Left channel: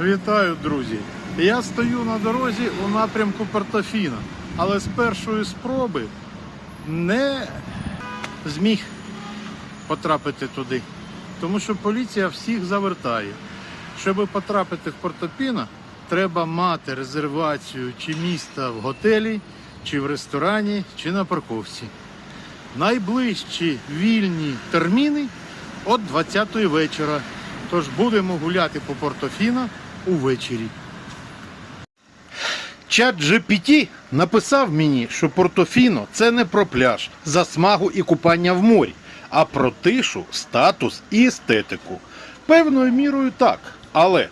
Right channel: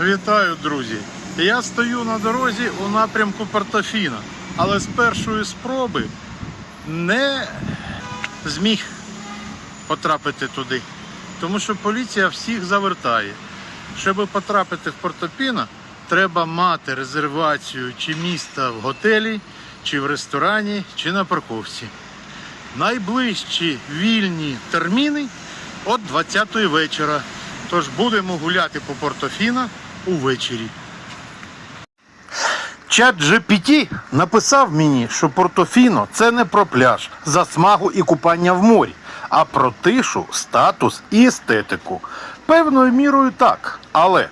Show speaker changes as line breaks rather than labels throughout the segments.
Вітаю, друзі! Я стою на дорозі у напрямку Портофіна, але з першої спроби не зміг потрапити туди, тому що поліція всіх завертає. Щоб потрапити в Портофіно, треба мати резервацію чи міста в готелі, чи в ресторані, чи на парковці. Найближчі вільні терміни от 20-ї вечора. Тож будемо гуляти по Портофіно увечері. Чат GPT написав мені, що Портофіно це не про пляж, засмагу і купання в морі, а про тишу, статус і естетику. Певною мірою так, але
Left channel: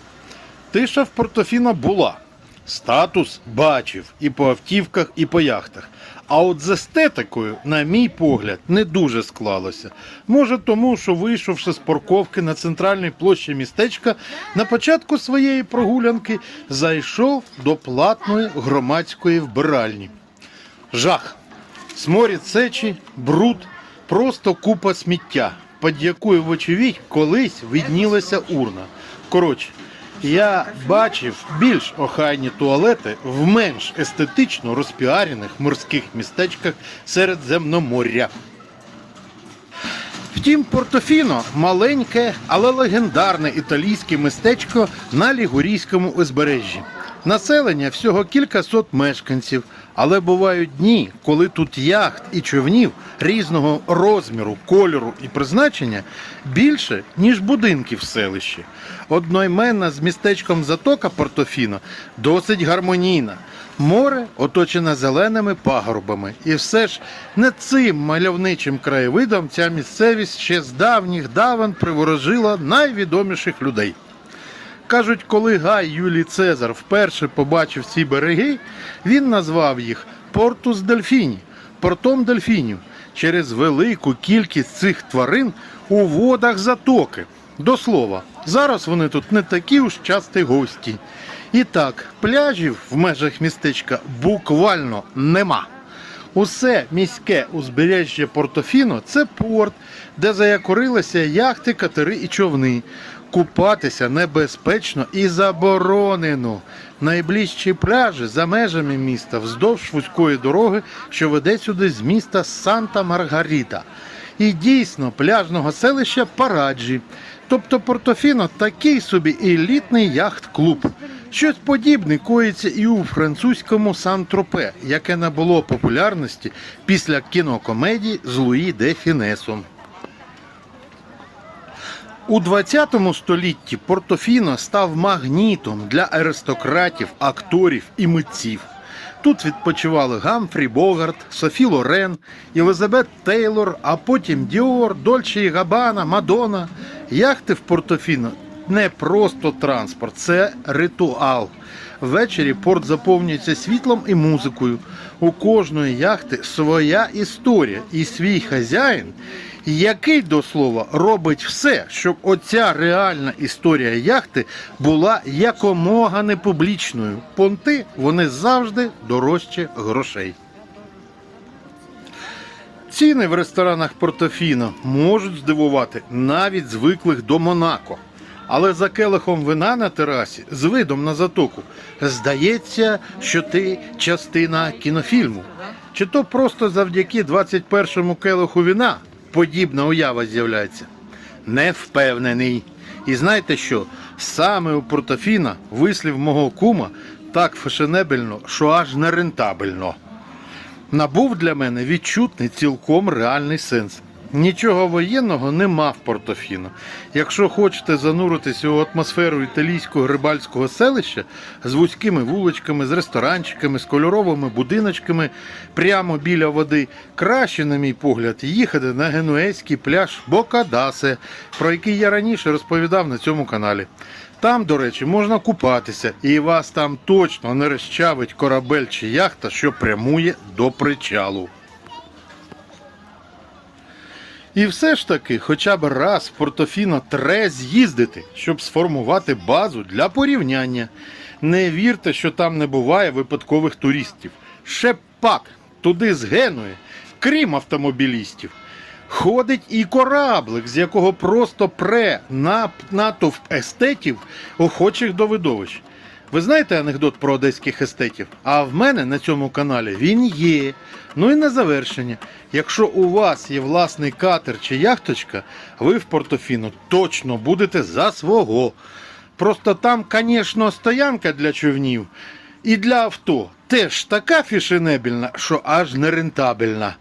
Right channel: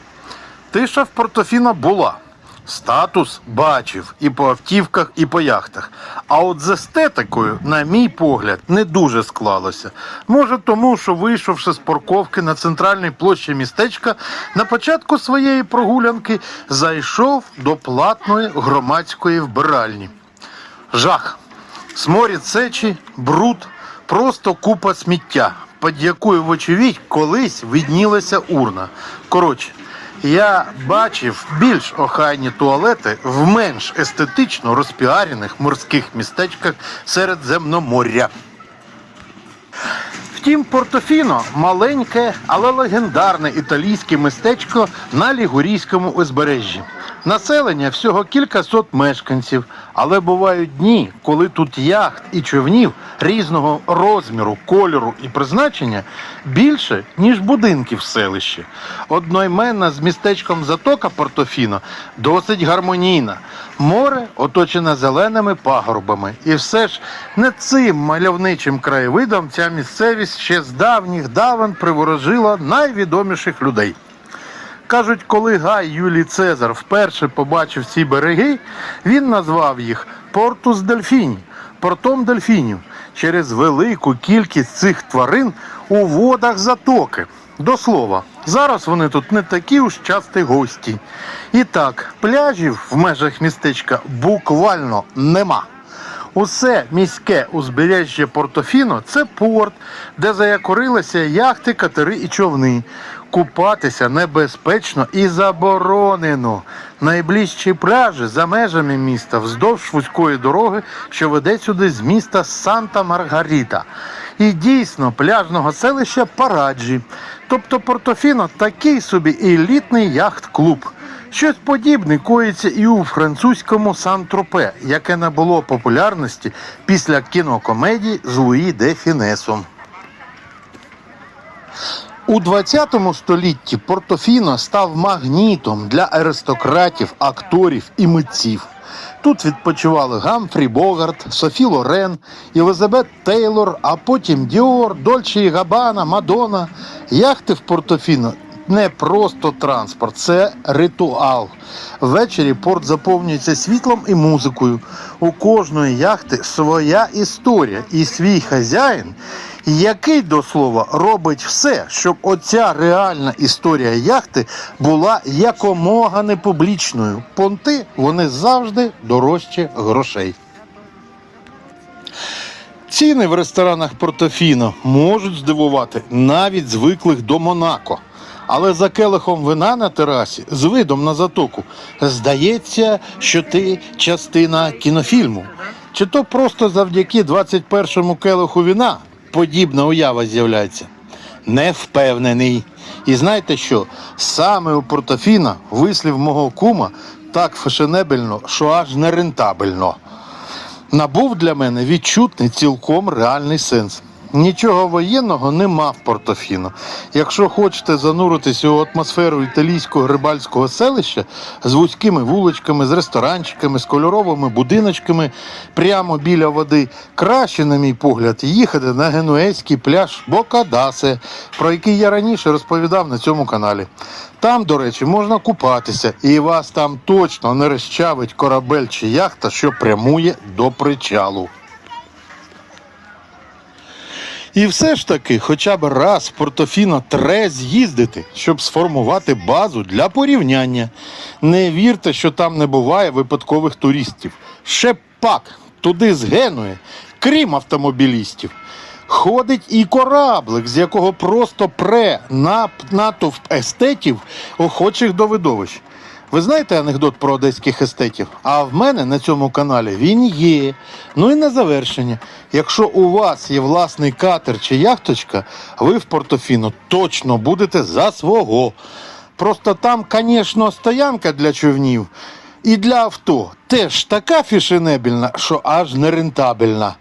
тиша в Портофіно була. Статус бачив і по автівках, і по яхтах. А от з естетикою, на мій погляд, не дуже склалося. Може тому, що вийшовши з парковки на центральній площі містечка, на початку своєї прогулянки зайшов до платної громадської вбиральні. Жах. Сморід сечі, бруд, просто купа сміття, під якою, вочевидь, колись виднілася урна. Коротше, я бачив більш охайні туалети в менш естетично розпіарених морських містечках Середземноморя. Втім, Портофіно маленьке, але легендарне італійське містечко на Лігурійському узбережжі. Населення всього кількасот мешканців, але бувають дні, коли тут яхт і човнів різного розміру, кольору і призначення більше, ніж будинків в селищі. Одноіменна з містечком Затока Портофіно досить гармонійна. Море оточене зеленими пагорбами. І все ж не цим мальовничим краєвидом ця місцевість ще з давніх давен приворожила найвідоміших людей. Кажуть, коли Гай Юлій Цезар вперше побачив ці береги, він назвав їх Портус Дельфіні, портом дельфінів через велику кількість цих тварин у водах затоки. До слова, зараз вони тут не такі уж часті гості. І так, пляжів в межах містечка буквально нема. Усе міське узбережжя Портофіно це порт, де заякорилися яхти, катери і човни. Купатися небезпечно і заборонено. Найближчі пляжі за межами міста вздовж вузької дороги, що веде сюди з міста Санта-Маргарита. І дійсно пляжного селища Параджі. Тобто Портофіно такий собі елітний яхт-клуб. Щось подібне коїться і у французькому Сан-Тропе, яке набуло популярності після кінокомедії з Луї де Фінесом. У 20 столітті Портофіно став магнітом для аристократів, акторів і митців. Тут відпочивали Гамфрі Богарт, Софі Лорен, Єлизабет Тейлор, а потім Діор, Дольче і Габана, Мадона. Яхти в Портофіно не просто транспорт, це ритуал. Ввечері порт заповнюється світлом і музикою. У кожної яхти своя історія і свій хазяїн, який до слова робить все, щоб оця реальна історія яхти була якомога не публічною. Понти вони завжди дорожче грошей. Ціни в ресторанах Портофіно можуть здивувати навіть звиклих до Монако. Але за келихом вина на терасі з видом на затоку здається, що ти частина кінофільму. Чи то просто завдяки 21-му келиху вина подібна уява з'являється? Не впевнений. І знаєте що? Саме у Портофіно вислів мого кума так фешенебельно, що аж не рентабельно набув для мене відчутний цілком реальний сенс. Нічого воєнного нема в Портофіно. Якщо хочете зануритися у атмосферу італійського рибальського селища з вузькими вуличками, з ресторанчиками, з кольоровими будиночками прямо біля води, краще, на мій погляд, їхати на генуезький пляж Бокадасе, про який я раніше розповідав на цьому каналі. Там, до речі, можна купатися, і вас там точно не розчавить корабель чи яхта, що прямує до причалу. І все ж таки, хоча б раз в Портофіно тре з'їздити, щоб сформувати базу для порівняння. Не вірте, що там не буває випадкових туристів. Ще пак, туди з Генуї, крім автомобілістів. Ходить і кораблик, з якого просто пре натовп естетів, охочих до видовищ. Ви знаєте анекдот про одеських естетів? А в мене на цьому каналі він є. Ну і на завершення. Якщо у вас є власний катер чи яхточка, ви в Портофіно точно будете за свого. Просто там, звісно, стоянка для човнів і для авто теж така фішенебельна, що аж нерентабельна.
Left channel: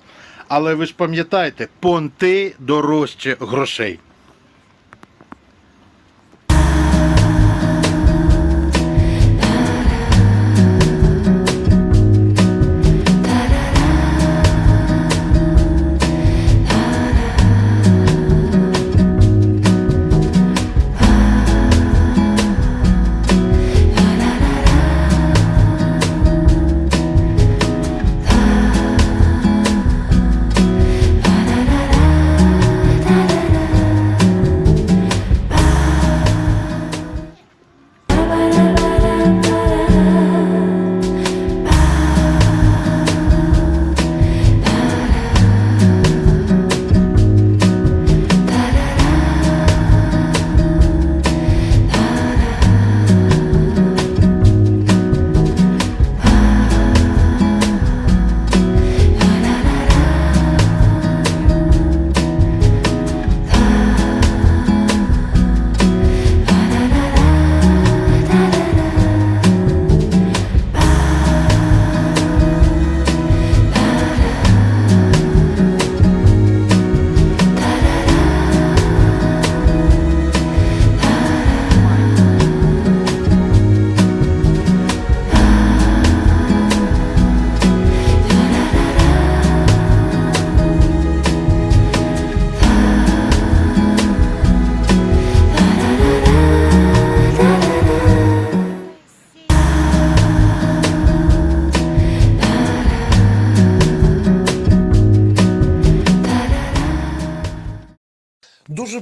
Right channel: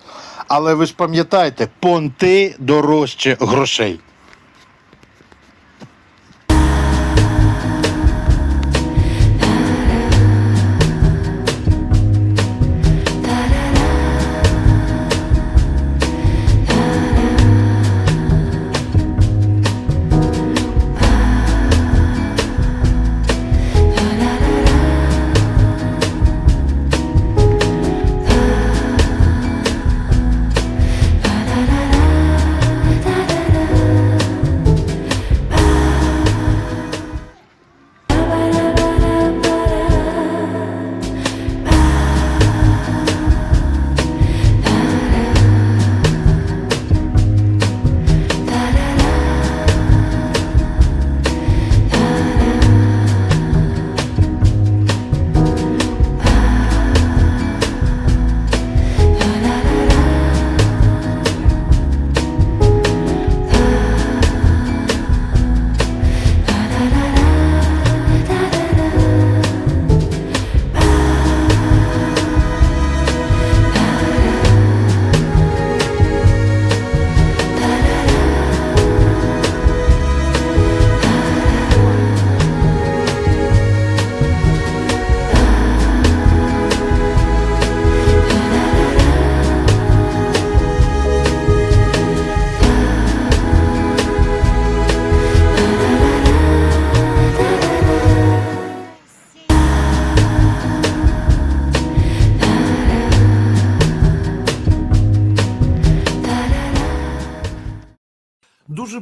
Але ви ж пам'ятаєте, понти дорожче грошей.